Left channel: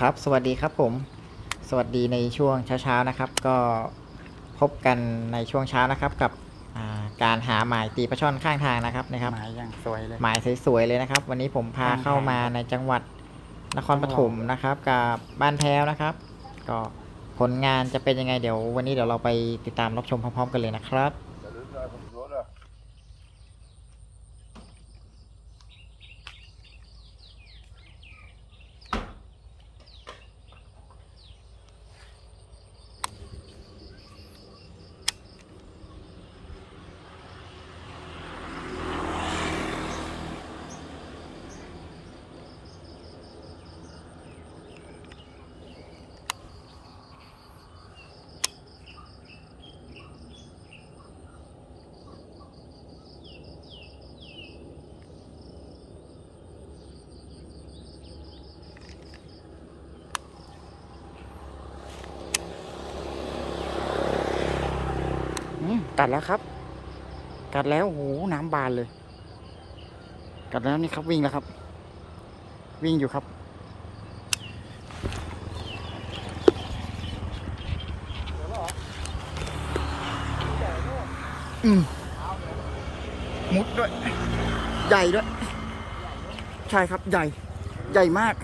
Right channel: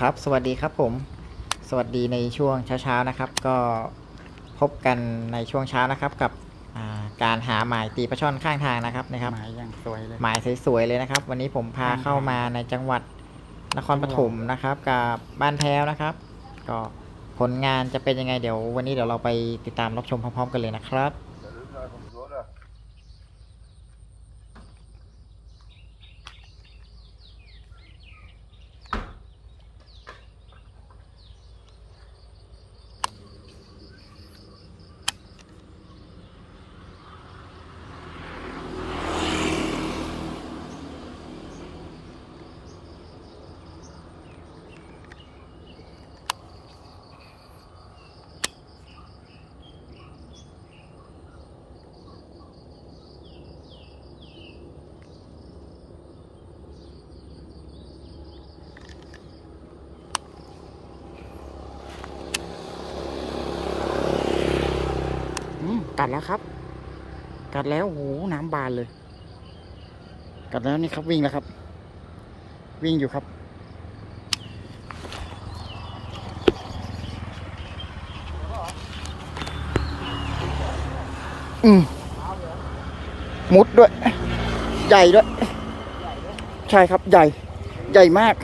ครับ สวัสดีครับผม สวัสดีในช่วงเช้าๆนะครับ ก็พบกันในช่วงเช้านะครับ กับอ่าการหาหมายตีปลาช่อนข้างทางนะครับนะครับ หมายอย่างสวยเลย หมายสวยๆเลยนะครับ วันนี้ผมพาข้างทางเข้ามาในจังหวัดนครปฐมนะครับ กับบ้านแพ้วนะครับ ก็ผลงานจะเป็นยังไงเดี๋ยว วันนี้เดี๋ยวเราไปติดตามรับชมพร้อม ๆ กันเลยนะครับ อืม กัดแล้วครับ กัดแล้วโหน้ำบานเลย กัดแล้วนี่ครับวิ่งแล้วครับ วิ่งอยู่ครับ อืมมุดด้วย ใหญ่ด้วย ใช่ครับใหญ่ ใหญ่มาก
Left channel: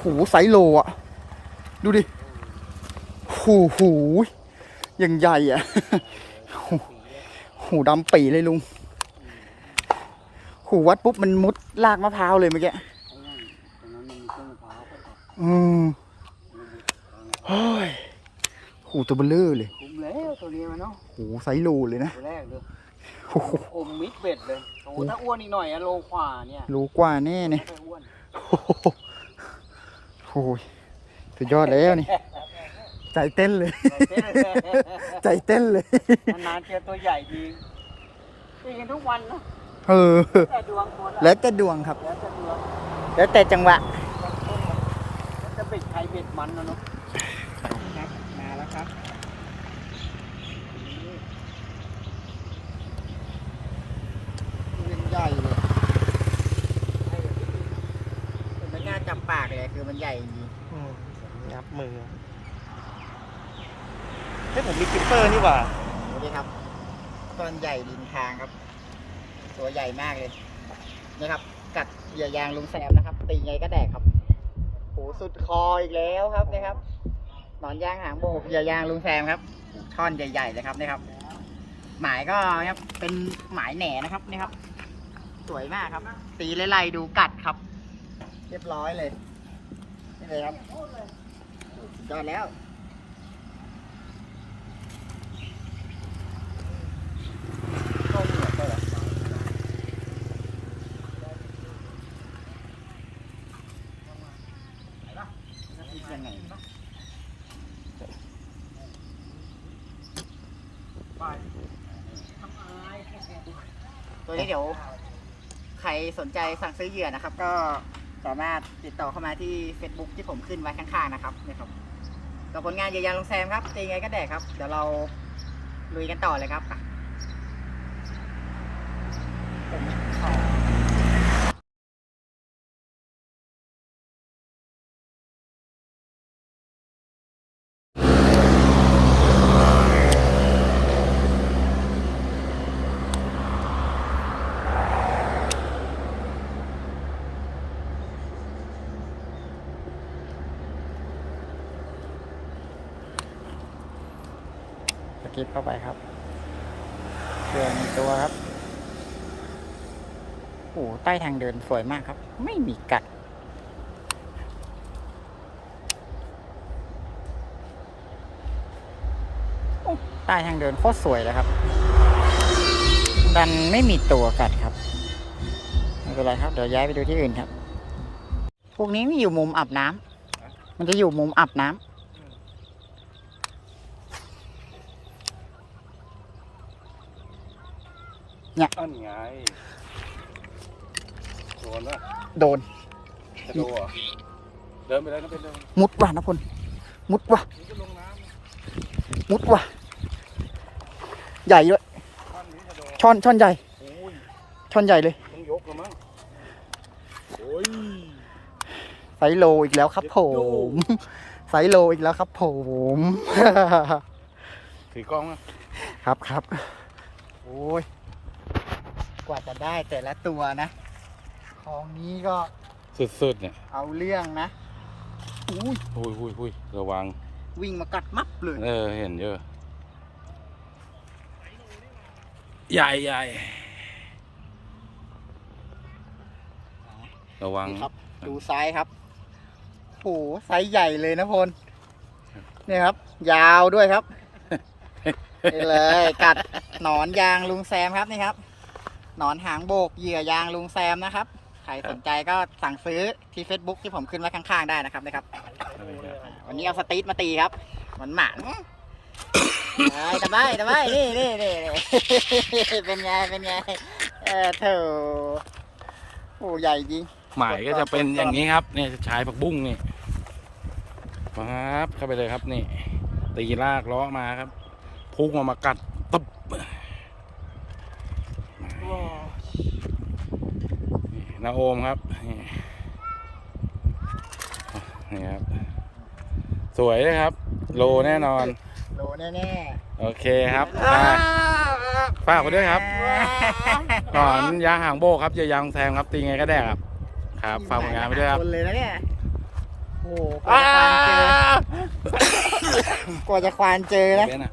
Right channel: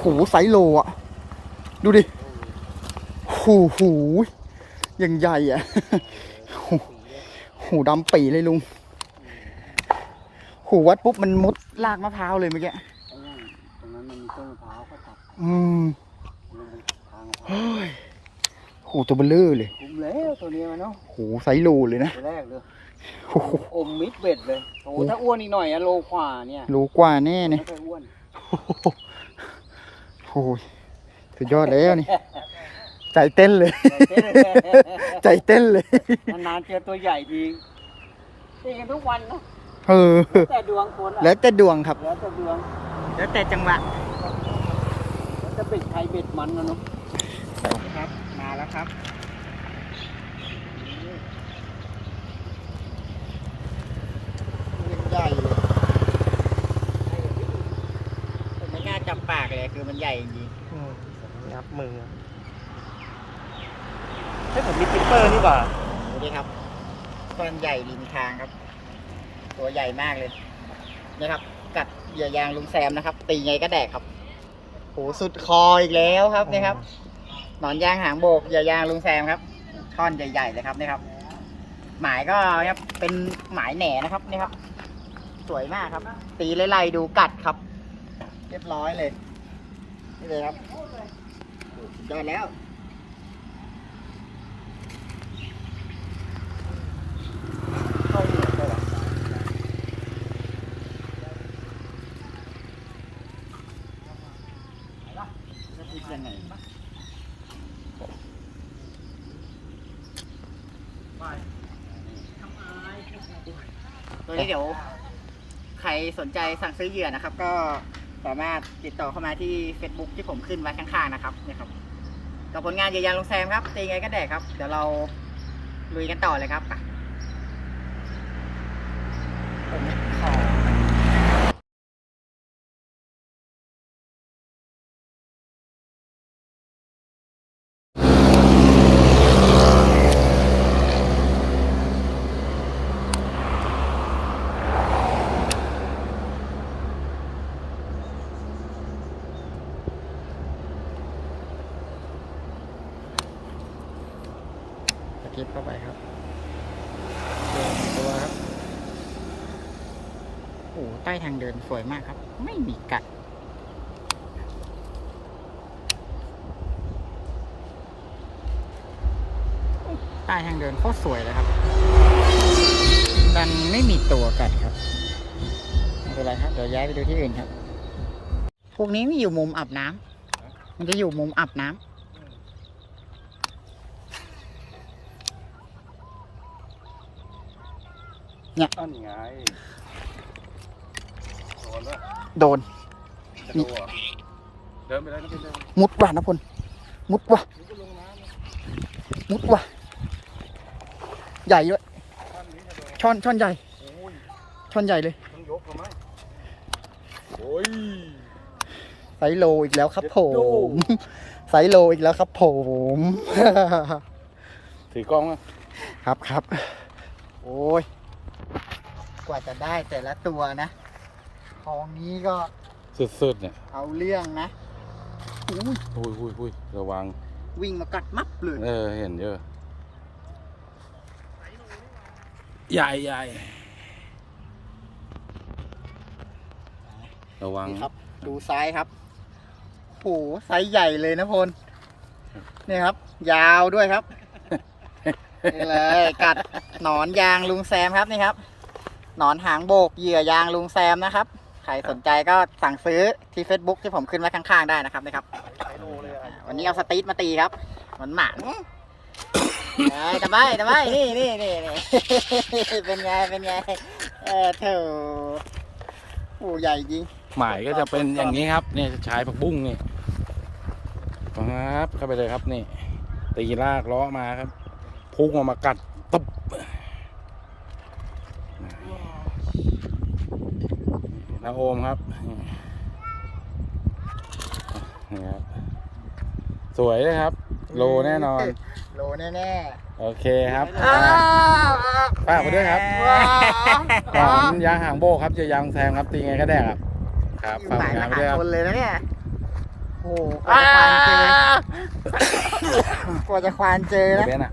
หูไซส์โลอะ ดูดิ หูหูย งใหญ่อะหูหูดำปีเลยลุง หูวัดปุ๊บมันมุดลากมะพร้าวเลยเมื่อกี้ไอ้นั่นตรงนั้นมันมีต้นมะพร้าวก็ตัดอืมมันทางเฮ้ยหูตัวเบลเลอร์เลยคุ้มแล้วตัวนี้มันเนาะหูไซส์โลเลยนะตัวแรกเลยโอ้โหอมมิดเบ็ดเลยโอ้โหถ้าอ้วนอีกหน่อยอะโลขวาเนี่ยรู้กว่าแน่เนี่ยไม่ค่อยอ้วนโอ้โหโอ้ยสุดยอดแล้วนี่ ใจเต้นเลย ใจเต้นเลย นานๆเจอตัวใหญ่ทีตีกันทุกวันเนอะเออ แต่ดวงคนอะแล้วแต่ดวงครับ แล้วแต่ดวงแล้วแต่จังหวะ แล้วแต่เบ็ดใครเบ็ดมันนะเนาะครับ มาแล้วครับเป็นใหญ่เลยไม่น่าจับปากเลยคือมันใหญ่จริงงับมือ เฮ้ยผมมีกิปเปอร์นี่หว่าดูดิครับต้นใหญ่ริมทางครับ ตัวใหญ่มากเลยนี่ครับ กัดเหยื่อยางลุงแซมนะครับ ตีไงก็แดกครับโหสุดคออีกแล้วครับนี่ครับหนอนยางหางโบกเหยื่อยางลุงแซมครับท่อนใหญ่ ๆ เลยครับนี่ครับ หมายก็ครับเป็นหมายแหน่นะครับนี่ครับ สวยมากครับ ตีไล่ๆดูกัดครับ เรียบร้อยเลยนี่เลยครับสุดยอดแล้ว เข้าเหนือปะวะคิดยังไงตัวนี้ เดี๋ยว ใครสนใจสั่งซื้อเหยื่อนะครับ ก็สามารถติดต่อเข้ามาที่ Facebook ที่ผมขึ้นไว้ข้างๆนะครับนี่ครับกับผลงานเหยื่อยางลงแซมครับตีไงก็แดกครับ เดี๋ยวเราลุยกันต่อเลยครับผมขอสกิป เข้าไปครับเดือนตัวครับโอ้ใต้ทางเดินสวยมากครับ ไม่มีกัด ใต้ทางเดินโคตรสวยเลยครับ ดันไม่มีตัวกัดครับไม่เป็นไรครับ เดี๋ยวย้ายไปดูที่อื่นครับ พวกนี้นี่อยู่มุมอาบน้ำมันจะอยู่มุมอาบน้ำ อันไงโดนแล้วโดนนี่เดินไปเลยนะเดินมุดว่ะนะพลมุดว่ะ นี่ก็ลงน้ำนะมุดว่ะ ใหญ่ด้วยช่อนช่อนใหญ่ ช่อนใหญ่เลยต้องยกแล้วมั้งโอ้ย ไซส์โลอีกแล้วครับ ผม ไซส์โลอีกแล้วครับ ผม ถือกล้อง ครับครับ โอ้ยก ว่าจะได้แต่ละตัวนะคลองนี้ก็สุดๆเนี่ยเอาเรื่องนะอุ้ยหุยหุยหุยระวัง วิ่งมากัดมับเลย เออ เห็นเยอะ ใหญ่ใหญ่ระวังครับ ดูไซส์ครับโหไซส์ใหญ่เลยนะพลนี่ครับ ยาวด้วยครับนี่เลยกัดหนอนยางลุงแซมครับนี่ครับห นอนหางโบกเหยื่อยางลุงแซมนะครับ ใครสนใจก็สั่งซื้อที่ Facebook ที่ผมขึ้นไว้ข้างๆได้นะครับนะครับอ่าวันนี้เอาสตีทมาตีครับหมันหมันเอ้ยตะไบตะไบนี่นี่นี่นี่ เป็นไงเป็นไงเออเถอะโอ้ใหญ่จริง หมายก็จะเป็นอย่างนี้ครับ เนี่ยชายผักบุ้งนี่ปั๊บเข้าไปเลยครับนี่ตีลากล้อมาครับพุ่งออกมากัดตึบ นี่นาโอมครับ นี่นี่ครับ สวยเลยครับ โลแน่นอน โลแน่โอเคครับๆอ่าฝากไปด้วยครับว้าวหนอนยางหางโบกครับจะยางแซมครับ ตีไงก็แดกครับ ครับฝากผลงานไปด้วยครับ คนเลยนะเนี่ยโอ้โหกว่าจะควานเจอกว่าจะควานเจอเดี๋ยนะ วเบนอะ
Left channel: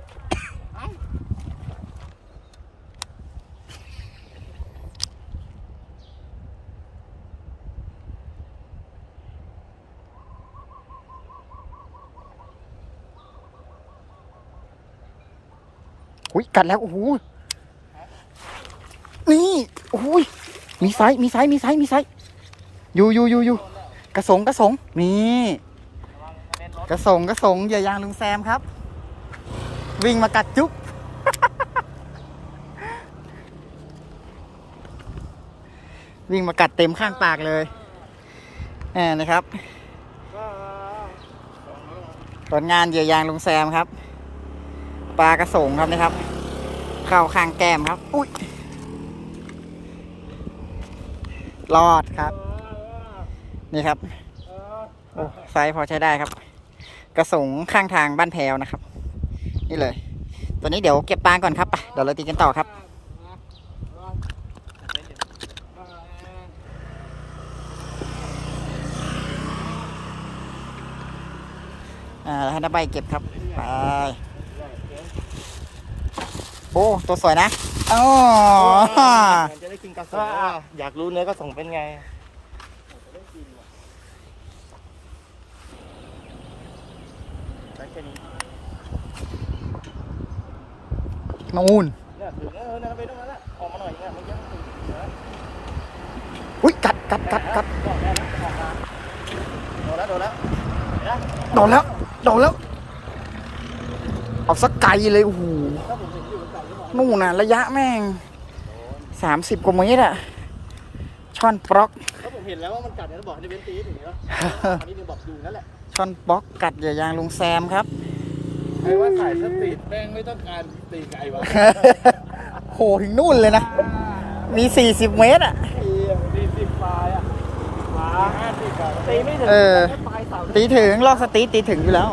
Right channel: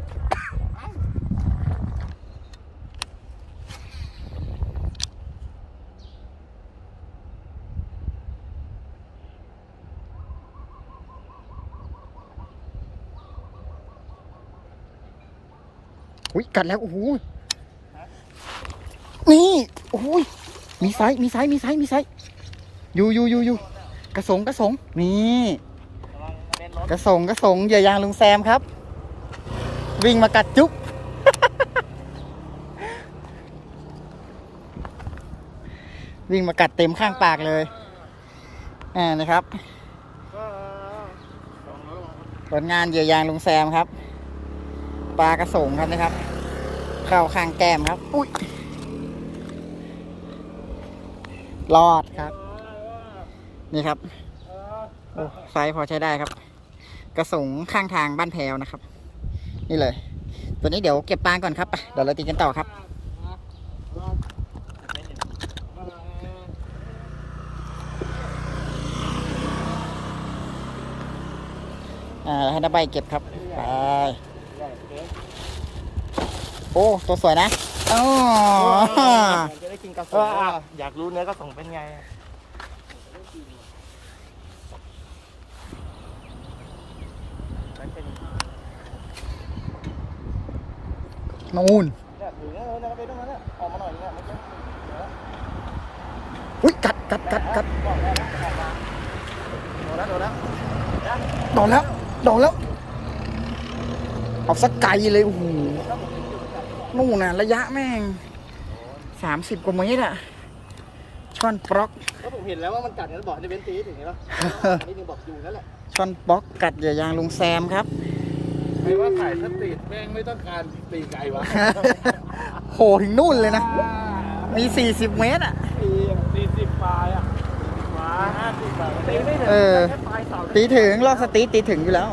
อุ้ยกัดแล้วโอ้โหนี่โอ้ยมีไซส์มีไซส์มีไซส์มีไซส์อยู่อยู่อยู่อยู่กระสงกระสงนี่กระสงกระสงเหยื่อยางลุงแซมครับ วิ่งมากัดจุ๊บวิ่งมากัดเต็มข้างปากเลยอ่านะครับผลงานเหยื่อยางลุงแซมครับ ปลากระสงครับนะครับ เข้าข้างแก้มครับ อุ้ยรอดครับ นี่ครับ โอ้ไซส์พอใช้ได้ครับ กระสงข้างทางบ้านแพวนะครับ นี่เลย ตัวนี้เดี๋ยวเก็บปลาก่อนครับไปเดี๋ยวเราตีกันต่อครับอ่าให้น้าใบเก็บครับ ไป อ้ตัวสวยนะอ๋อจะได้กินกระสุนอยากรู้เนื้อกระสุนเป็นไงนูนเนี่ยถึงเออเนี่ยไปตรงนั้นแหละออกมาหน่อยอย่างเงี้ยเมื่อกี้มันถึงอุ้ยกัดกัดกัดกัดโดนแล้วโดนแล้วโดนแล้วโดนแล้ว เอาสักไกลเลยโอ้โห นู่นน่ะ ระยะแม่งสามสิบกว่าเมตรอะช่อนปล็อกแล้วผมเห็นแล้วว่ามันกัดเนี่ยแล้วบอกให้เว้นตีถึงนี้ปะอันนี้ยังบอกอยู่นั่นแหละช่อนปล็อกกัดเหยื่อยางลุงแซมครับใครว่าขายสตรีทแม่งไม่ต้องการตีไก่วะโหถึงนู่นเลยนะ มีสี่สิบเมตรอะตีสี่สิบปลายอะสี่สิบปลายห้าสิบปลายตีไม่ถึงเออแค่ปลายเสาตีถึงลอกสตีตีถึงอยู่แล้ว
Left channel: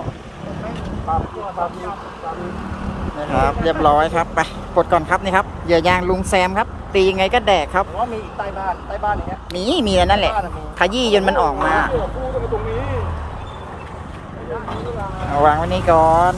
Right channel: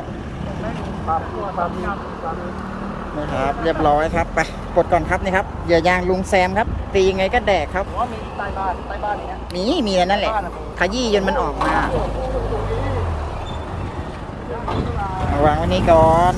นะครับ เรียบร้อยครับไปกดก่อนครับนี่ครับเหยื่อยางลุงแซมครับ ตียังไงก็แดกครับผมว่ามีใต้บ้านใต้บ้านอย่างเงี้ยนี่มีแล้วนั่นแหละขยี้จนมันออกมาเอาวางไว้นี่ก่อน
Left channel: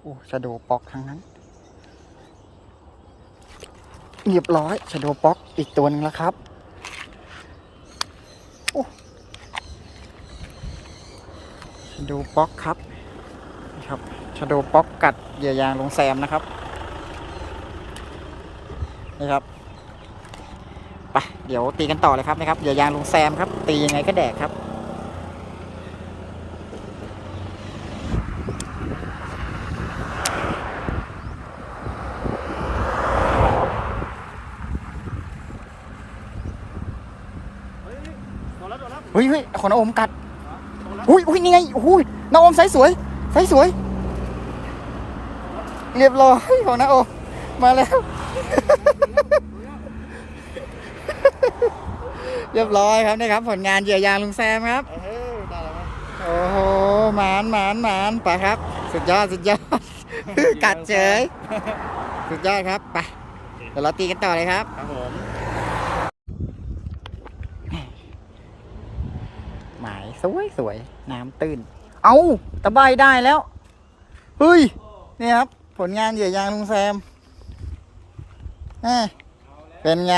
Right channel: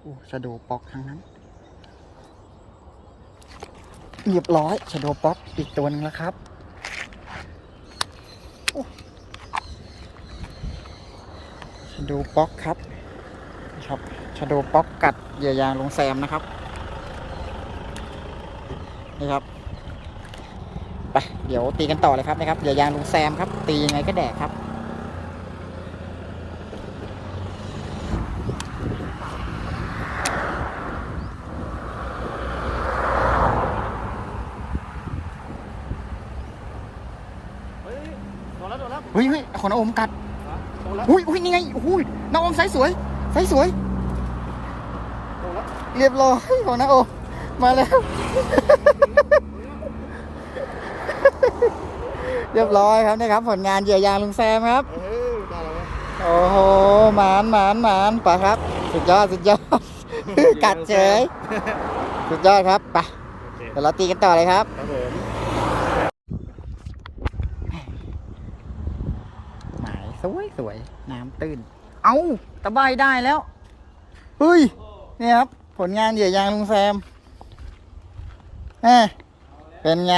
โอ้ชะโดปอกทั้งนั้นเรียบร้อยชะโดป๊อกอีกตัวหนึงแล้วครับโอ้ชะโดป๊อกครับนี่ครับชะโดป๊อกกัดเหยื่อยางลงแซมนะครับนี่ครับไปเดี๋ยวตีกันต่อเลยครับนะครับเหยื่อยางลงแซมครับ ตียังไงก็แดกครับ เฮ้ยเฮ้ยขอน้าอมกัดอุ้ยอุ้ยนี่ไงอุ้ยน้าอมไซส์สวยไซส์สวย เรียบร้อยของน้าอมมาแล้ว เรียบร้อยครับนี่ครับ ผลงานเหยื่อยางลุงแซมครับโอ้โหหมานหมานหมานไปครับ สุดยอดสุดยอดกัดเฉย สุดยอดครับไปเดี๋ยวเราตีกันต่อเลยครับครับผม หมาย สวยสวยน้ำตื้น เอาตะไบได้แล้ว เฮ้ย นี่ครับ ผลงานเหยื่อยางลุงแซมเอ้ยเป็นไง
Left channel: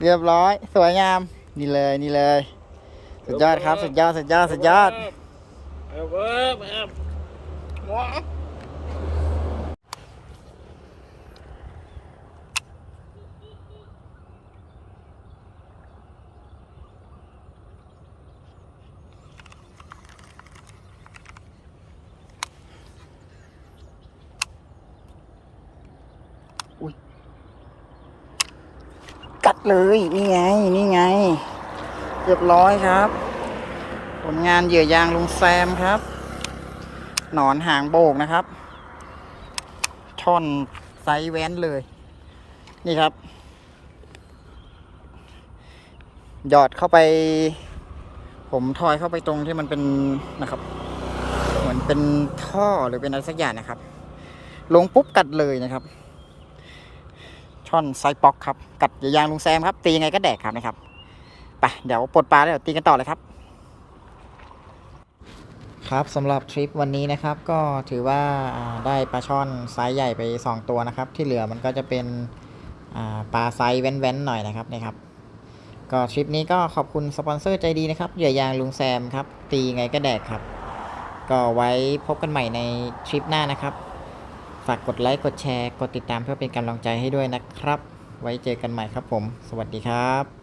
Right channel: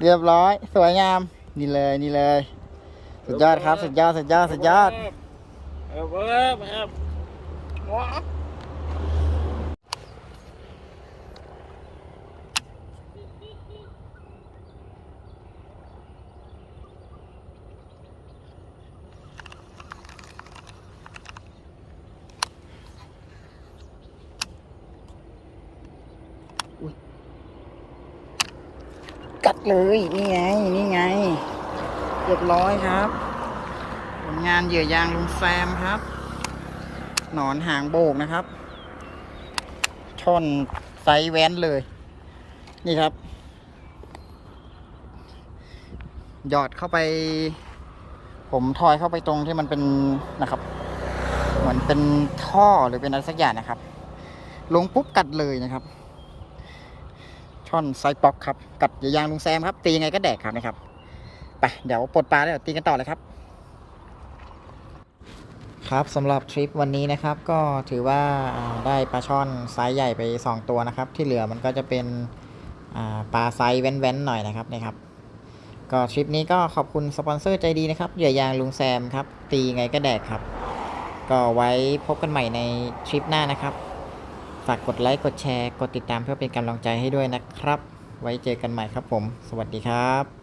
เรียบร้อย สวยงาม นี่เลยนี่เลย สุดยอดครับ สุดยอด สุดยอด สุดยอดเออเออ กัดเลย นี่ไง นี่ไงเรียบร้อยครับ ผลงานเหยื่อยางลุงแซมครับ หนอนหางโบกนะครับ ช่อนไซส์แว้นเลย นี่ครับ หยอดเข้าไป ผมทอยเข้าไปตรงที่มันเป็นนะครับ เหมือนเป็นท่อหรือเป็นอะไรสักอย่างนะครับ ลงปุ๊บกัดเลยนะครับ ช่อนไซปอกครับกัดเหยื่อยางลุงแซมครับ ตียังไงก็แดกครับนะครับไปเดี๋ยวปลดปลาแล้วตีกันต่อเลยครับ ครับสำหรับทริปวันนี้นะครับก็ถือว่าได้ปลาช่อนไซส์ใหญ่ไป 2 ตัวนะครับ ที่เหลือมันก็จะเป็นปลาไซส์แว้นๆหน่อยนะครับนะครับ ก็ทริปนี้ก็ขอบคุณสปอนเซอร์ใจดีนะครับเหยื่อยางลุงแซมครับ ตีไงก็แดกครับ ก็ไว้พบกันใหม่ในทริปหน้านะครับ ฝากกดไลค์ กดแชร์ กดติดตามเพื่อเป็นกำลังใจให้ด้วยนะครับ ไว้เจอกันใหม่ครับผม สวัสดีครับ